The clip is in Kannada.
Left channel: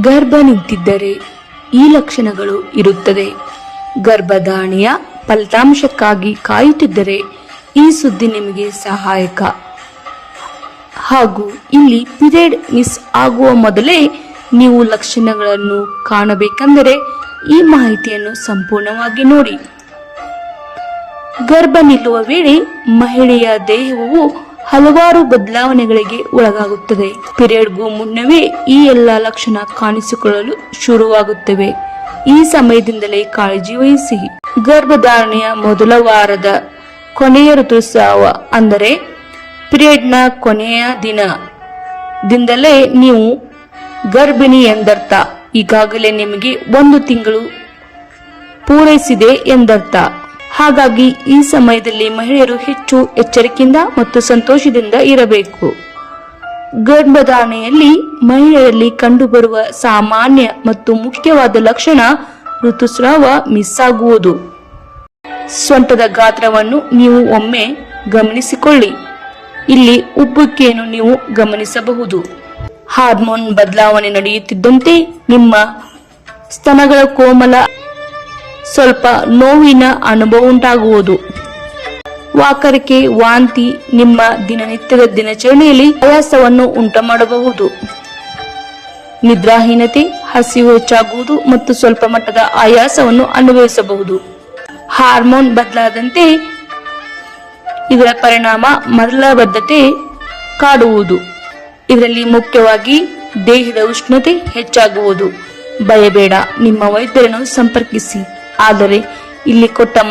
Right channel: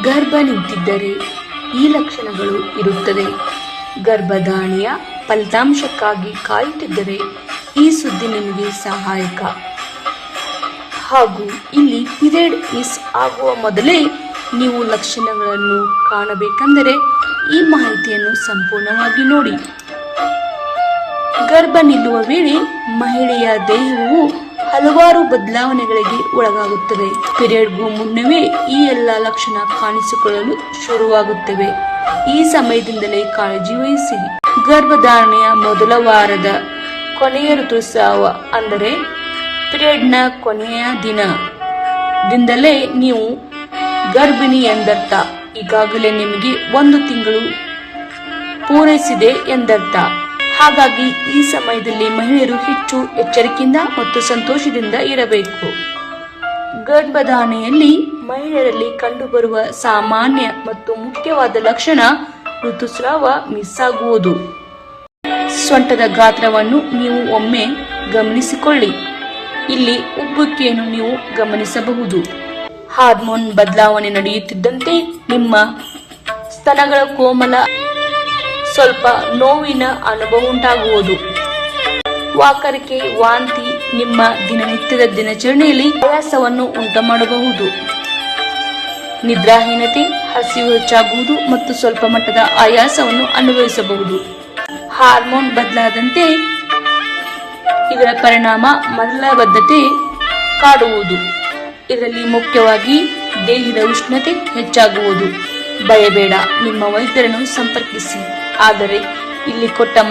ಗರ್ಭ ನಿಂತಿದ್ದರೆ ಈ ಲಕ್ಷಣಗಳು ಇರುತ್ತದೆ. ಗರ್ಭಧಾರಣೆಯ ಫಲಿತಾಂಶಕ್ಕಾಗಿ ಕಾಯುತ್ತಿದ್ದರೆ ಈ ಸುದ್ದಿ ನಿಮಗೆ ಸಹಾಯಕ. ಹಾಗೂ ಇಲ್ಲಿ ಪಿರಿಯಡ್ ಮಿಸ್ ಆಗುವ ಮೊದಲೇ ನೀವು ಲಕ್ಷಣಗಳನ್ನು ಕಾಣಬೇಕೆಂದರೆ ಈ ಮಾಹಿತಿಯನ್ನು ಸಂಪೂರ್ಣವಾಗಿ ನೋಡಿ. ಗರ್ಭ ನಿಲ್ಲುವ ವೇಳೆ ಮಹಿಳೆಯ ದೇಹವು ಹಲವಾರು ಬದಲಾವಣೆಗಳಿಗೆ ಒಳಗಾಗುತ್ತದೆ ಪಿರಿಯಡ್ಗೂ ಮುನ್ನವೇ ಈ ಎಲ್ಲ ಲಕ್ಷಣ ಕಾಣಿಸಿಕೊಳ್ಳಲು ಶುರುವಾಗುತ್ತವೆ. ಈ ಸಮಯದಿಂದಲೇ ಕಾಳಜಿ ವಹಿಸಿ. ಗರ್ಭಧಾರಣೆಯ ಮೊದಲ ವಾರದ ಕೊನೆಯ ಋತುಸ್ರಾವ ಅಂದರೆ ಪಿರಿಯಡ್ನ ಕೊನೆಯ ದಿನ ದಿಂದಲೇ ನೀವು ಗರ್ಭಿಣಿ ಎಂದರ್ಥ. ಈಗಾಗಲೇ ನಿಮಗೆ ಒಂದು ತಿಂಗಳು ಪೂರೈಸಿದೆ ಎಂದರ್ಥ. ಹಾಗಾಗಿ ಈ ಸಮಯದಲ್ಲಿ ಮಹಿಳೆಯರು ಹೆಚ್ಚು ಎಚ್ಚರಿಕೆಯಿಂದ ಮತ್ತು ಸಂತೋಷದಿಂದ ಇರಬೇಕು. ಗರ್ಭಧಾರಣೆಯಲ್ಲಿ ಮಹಿಳೆಯರಲ್ಲಿ ಕಂಡುಬರುವ ಸಾಮಾನ್ಯ ಮತ್ತು ಮುಖ್ಯವಾದ ಲಕ್ಷಣ ಋತುಸ್ರಾವ ಮಿಸ್ ಆಗುವುದು ಸೊಂಟದ ಗಾತ್ರವನ್ನು ನೀವು ಒಮ್ಮೆ ಗಮನಿಸಿಕೊಳ್ಳಿ. ಇಲ್ಲಿ ಉಬ್ಬುವಿಕೆಯನ್ನು ನೀವು ಗಮನಿಸಬಹುದು. ಹಾರ್ಮೋನ್ ಬದಲಾವಣೆ ನಡೆಯುತ್ತಿದ್ದಂತೆ ನಿಮ್ಮ ಸ್ತನಗಳ ಕೋಮಲ ಸ್ವಲ್ಪ ನೋವಿನ ಅನುಭವ ಉಂಟಾಗುವುದು. ವಾಕರಿಕೆ ವಾಂತಿ ನಿಮ್ಮ ದಿನನಿತ್ಯದ ದಿನಚರಣೆಯಲ್ಲಿ ಆಯಾಸವನ್ನು ಉಂಟು ಮಾಡಬಹುದು ನಿದ್ರಾಹೀನತೆ, ಹಸಿವು ಹೆಚ್ಚಾಗುವುದು ಮತ್ತು ಸ್ವಲ್ಪ ಮಟ್ಟದ ಆಯಾಸವನ್ನು ಅನುಭವಿಸಬಹುದು. ಹಾರ್ಮೋನ್ ಬದಲಾದಂತೆ ಇದರ ಪರಿಣಾಮ ಮಲಬದ್ಧತೆ ಕಾಡುವುದು. ಇದರಲ್ಲಿ ಮುಖ್ಯವಾಗಿ ದೇಹದ ಉಷ್ಣತೆ ಹೆಚ್ಚಾಗುವುದು. ಭಯಬೇಡ, ನಿಮ್ಮ ವೈದ್ಯರನ್ನು ಸಂಪರ್ಕಿಸಿ. ಆದರೆ ಇಲ್ಲಿ ಕೊಟ್ಟ